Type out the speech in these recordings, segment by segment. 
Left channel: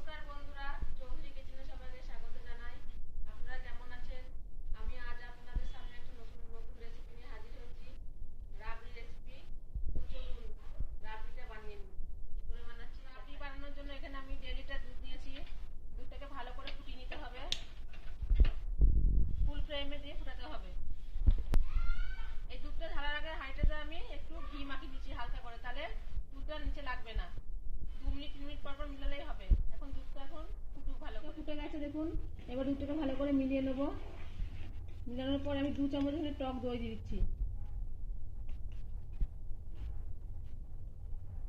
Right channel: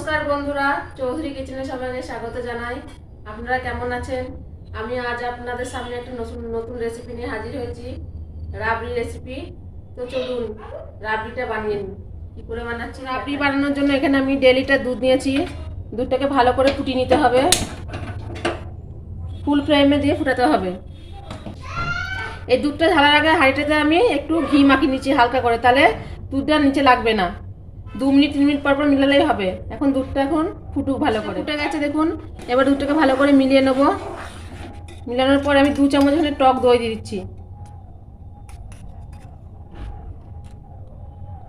নমস্কার বন্ধুরা, চৌধুরী কিচেনে সবাইকে স্বাগত জানাই। আপনারা কেমন আছেন? আমি আজ আপনাদের সামনে একটা নতুন রেসিপি নিয়ে হাজির হয়েছি, রাবড়ি রেসিপি। তো চলুন রাবড়িটা বানিয়ে নিই। কি করে বানাচ্ছি? রাবড়ি বানানোর জন্য এখানে আমি 1.5 লিটার দুধ নিয়েছি। দুধটাকে ভালো করে ফুটিয়ে নিতে হবে, ফুল ফ্লেমে দিয়ে ফুটাতে হবে। এই দুধটা ঢালার আগে হাঁড়িটাতে আমি একটু ঘি মাখিয়ে নিচ্ছি হালকা করে, তাহলে দুধটা নিচে লাগবে না। 2 মিনিট 3 মিনিট পর পর মিলালেই হবে। এখন দুধটা এখন ফুটুক ভালো করে। ফুটে গেছে দেখুন। এবার দুধটাকে ভালো করে মিলিয়ে নেব। মিলানোর পর আমি 2 চামচ এখানে টক দই দিয়ে দিচ্ছি।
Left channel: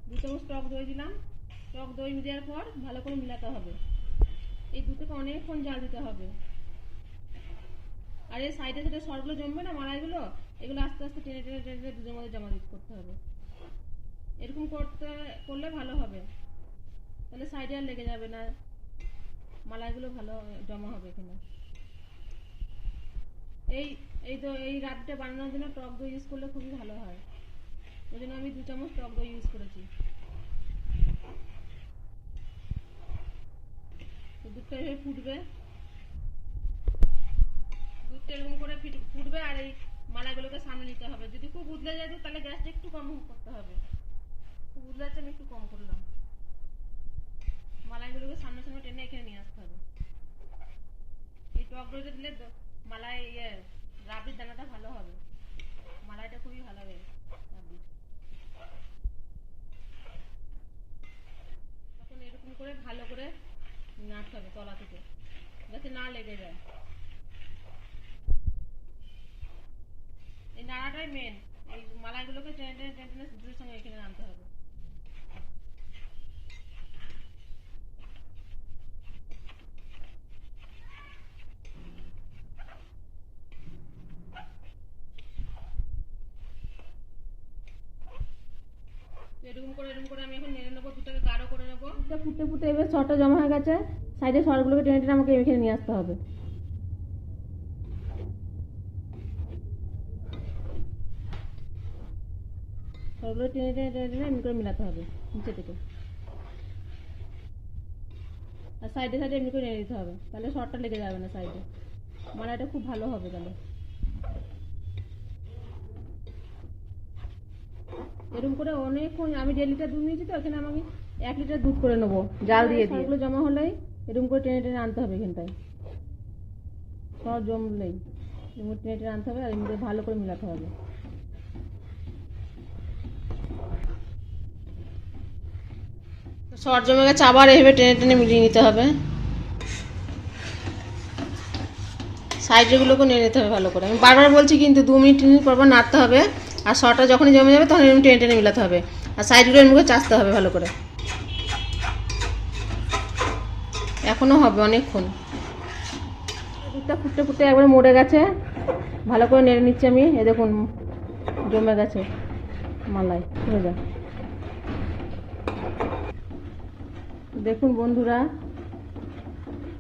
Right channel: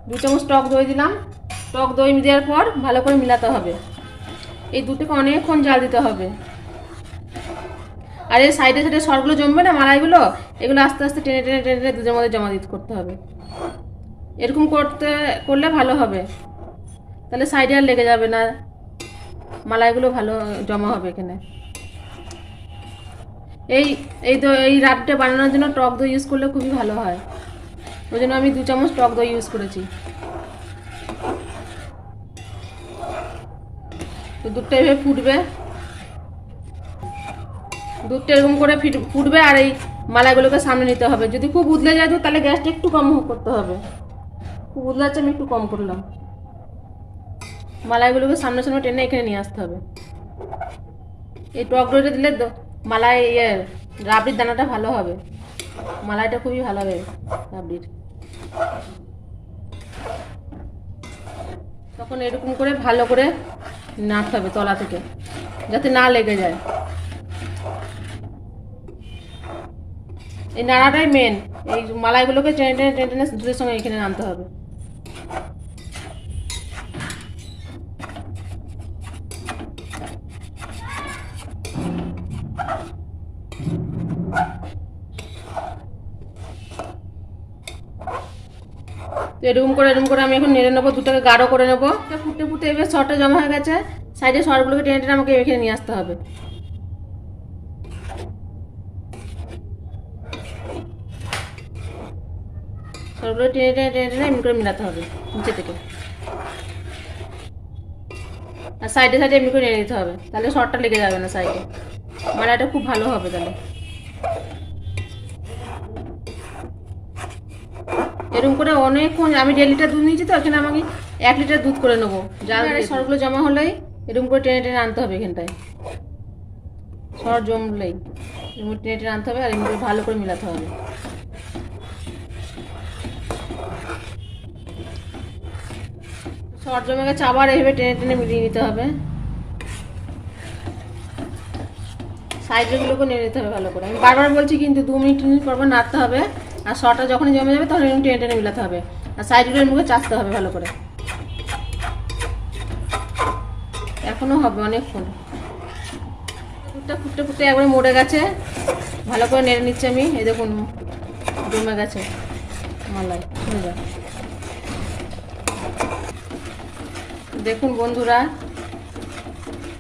2 চামচ টক দই দিলাম। টক দই দেওয়ার পর ভালো করে মিলাতে হবে। এই দুধটাকে অনেকক্ষণ জাল দিতে হবে। আর এই সাইডে সাইডে সরগুলো জমবে না, মালাইগুলো, এগুলো আস্তে আস্তে টেনে টেনে টেনে টেনে দুধের মধ্যে জমা দিতে করতে হবে। এরকম করলে ভালো হবে, তাহলে সাইডে আর লেগে যাবে না, মালাইগুলো ভালো জমা হবে এখানে। এই রাবড়িটা বানানোর জন্য টক দই ইউজ করলে খুবই ভালো হয়। ওই জন্য আমি 2 চামচ টক দই ইউজ করেছি। তো দুধটা এভাবে ফুটবে, দুধটা এরকম করে ফুটবে। আর এই মালাইগুলোকে সামনে নিতে হবে। যদি খুব উতলে যায় তাহলে গ্যাসটা একটু কম করতে হবে। খুব উতলে যাচ্ছে, আমি একটু কম করলাম। মালাইগুলোকে সামনে সামনে টেনে এখানে নিয়ে আসতে হবে। এই টক দইটা দিলে মালাই রাবড়ির দানাটা ভালো হবে, মালাইটা খুবই ভালো হবে রাবড়ির। তখন এরকম করে ভালো করে নাড়তে হবে তলা থেকে, যাতে না লেগে যায়। এই নাড়াটাই মেন। এই মালাইগুলোকে টেনে টেনে টেনে টেনে দুধের সঙ্গে এখানে আনতে হবে। তো এরকম করে আমি এখন নেড়ে নেবো, দুধটাকে গাঢ় করে নেবো। ফুটতে ফুটতে এবার সরটা জমা হয়ে গেছে। সাইডে সরগুলোকে টেনে টেনে আমাকে এখানে নিয়ে আসতে হবে। সরগুলো টেনে টেনে টেনে টেনে এমনি করে মিলাতে হবে নিচে থেকে, আর সাইডে সাইডে এমনি করে নেড়ে নিতে হবে, তাহলে সরটা লেগে যাবে না সাইডে। মালাইটা খুব ভালো হবে তাহলে। এরকম করে অনেকক্ষণ, আমি 1.5 লিটার দুধ নিয়েছি, তো এখানে আমাকে 1 লিটার দুধ করে নেবো। জাল দিয়ে সরগুলো জমা হলেই এরকম করে টেনে টেনে আনতে হবে। এখানটায় সর জমলেই এরকম টেনে টেনে আনতে হবে, আর এমনি ভালো করে মিলাতে হবে। সর জমে গেছে, আবার এভাবে টেনে টেনে মিলিয়ে নিতে হবে। সাইডগুলোকে নিয়ে নিতে হবে ভালো করে। আমি বারবার বলছি কিন্তু 2 মিনিট 3 মিনিট পর পর নাড়তে হবে। আর সরটা যখনই জমে যাবে তখন এরকম টেনে টেনে মিলাতে হবে, আর সাইডগুলো এর চাচতে হবে ভালো করে। এখনও হবে অনেকক্ষণ। দুধটা ফুটতে ফুটতে একবারে মরে গেছে, ভালো করে নেড়ে নিচ্ছি আমি। এই দেখুন জমে গেছে মালাই, হয়ে যা। দেখুন বন্ধুরা,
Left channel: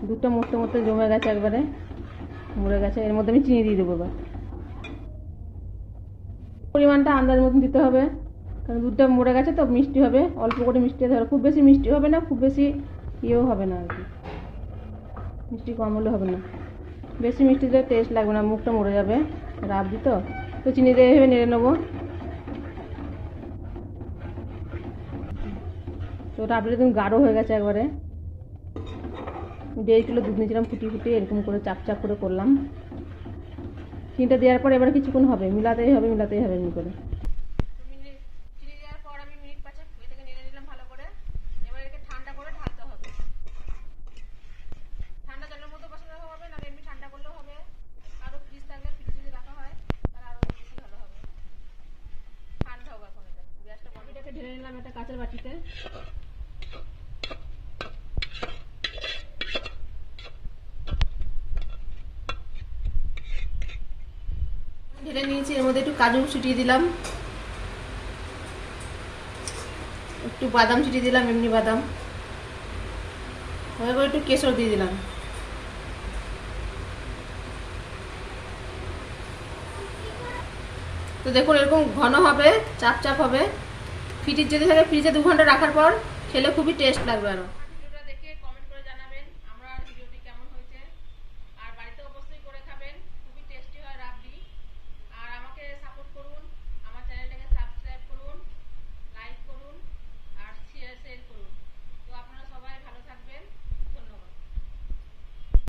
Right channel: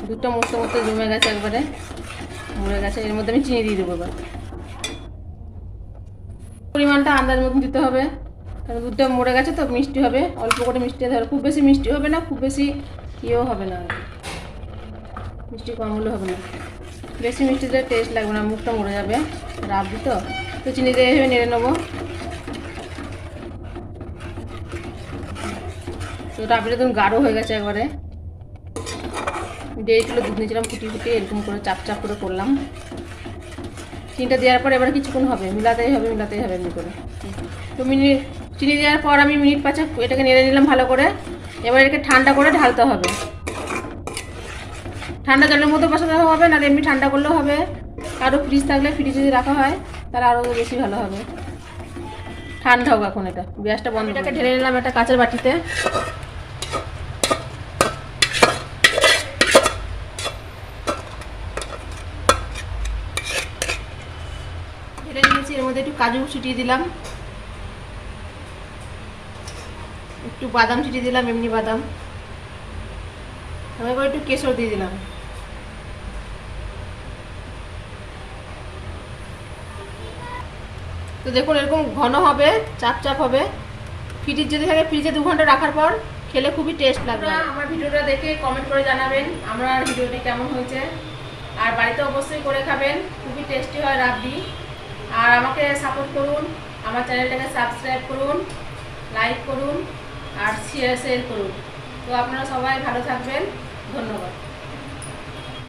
দুধটা মরতে মরতে জমে গেছে, একবারে মরে গেছে। এর মধ্যে আমি চিনি দিয়ে দেবো। এবার পরিমাণটা আন্দাজ মতন দিতে হবে, কারণ দুধটা মরে গেছে তো মিষ্টি হবে। অল্প করে মিষ্টি দিতে হবে, খুব বেশি মিষ্টি হবে না, খুব বেশি ইয়েও হবে না আর কি। মিষ্টি কম হলে হবে না, বেশি মিষ্টি দিলে টেস্ট লাগবে না, মুখটা মরে যাবে রাবড়ি তো। তো চিনি দিয়ে এভাবে নেড়ে নেবো। তো রাবড়িটা একদম গাঢ় হয়ে গেছে একবারে। 1.5 কিলো দুধ নিয়েছিলাম, ফুটিয়ে এরকম করে চাপ চাপ করে করলাম। চিনিটা দেওয়ার পর এবার কিছুক্ষণ হবে, মিলাতেই হবে এমনি করে। তো চিনি দেওয়ার পর আমি মিনিট 5 এটাকে নেড়ে নিলাম ভালো করে। এবার এটাকে ঠান্ডা করে ঢালতে হবে। ঠান্ডা জলের মধ্যে বসাতে হবে, না এমনি ঠান্ডা করলেও হবে। আরও ফ্রিজ থাকলে ফ্রিজে যদি রাখা হয় তাহলে আরও বেশি ভালো হবে। ঠান্ডা হোক এখন, এটা গ্যাসটা বন্ধ। এটাকে ঢেলে নিলাম একটা কাঁচের বাটিতে। ঢেলে নিয়েছি, এর মধ্যে একটু কাজু ছিটিয়ে দিলাম, একটু বাদাম ছিটিয়ে দিলাম, এমনি বাদাম। এবার একটু কেশর দিয়ে দিলাম। তো দেখুন এরকম ঘন হবে, চাপ চাপ হবে। ফ্রিজ যদি থাকে ফ্রিজে 2 ঘন্টা রাখার পর খেলে খুবই টেস্ট লাগবে। আমার ভিডিওটা দেখে কমেন্ট করে জানাবেন আমার ভিডিওটি কেমন হয়েছে, আর বাড়িতে অবশ্যই করে খাবেন, খুবই টেস্টি হয় রাবড়ি। আর আমাকে সাপোর্ট করুন, আমার চ্যানেলটাকে সাবস্ক্রাইব করুন, লাইক করুন আর শেয়ার করুন। তো আপনারা সবাই ভালো থাকবেন, ধন্যবাদ।